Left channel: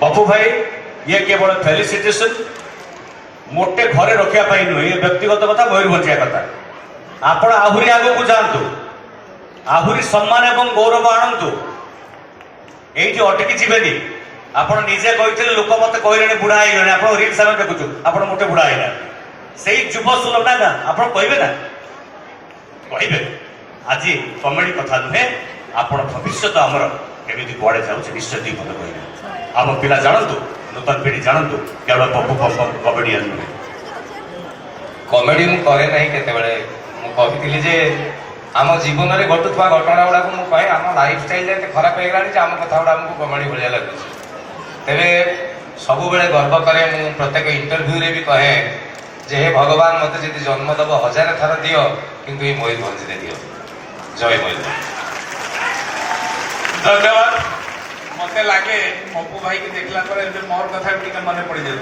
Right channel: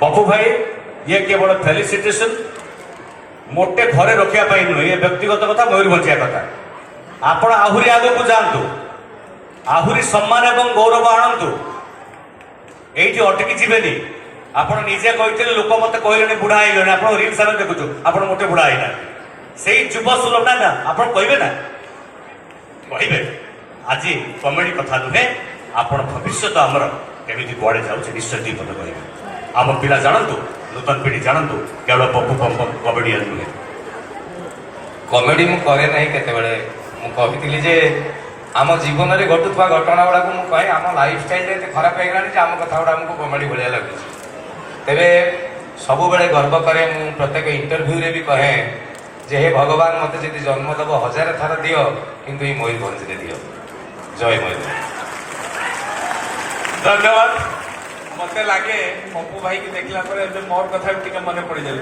पप्पू भाई ये केवल फेलिसिटेशन मोटे घरे रखा नुहे ये व्यक्तिगत कथा मयूरभंजिया कथा आपण आहरी आग को जातु आहरी सम्मान एवं गौरव आणतु ये अटकी जीवेनि आपण निजे कहते लोक मत कहले बुढ़ा हो आप रिल्स आम देखु आप मोटे बुढ़ा होना से युव सुलभ ना आप कहे ना कहे आज कमेडी कथा नुहे आप भविष्य आमर केमी कड़े जाऊे निश्चय दी मत कहे आम पिला जानतु नूतन पीढ़ी जानतु केवल पप्पू कमेडियन नुहे कमेडी मु करे नहीं केतेबेले मु कहितली जे आम जीवन में घटुवा घटना गुड़ा को कहे आम लाइफ स्टाइल एत खराब हो गलानी आम कथा गुड़ा आमको कमेडी भाया लगे तेरे सब बेले गर्व करे मु प्रत्येक इंटरव्यू रे भी कहे जे हे भगवान मत जी जन्म दब 1000 थर दियो किंतु ये मयूरभंज रे दियो जय मयूरभंज धन्यवाद मत लगे पप्पू भाई की देखला मोर कथा मन पड़ जाए।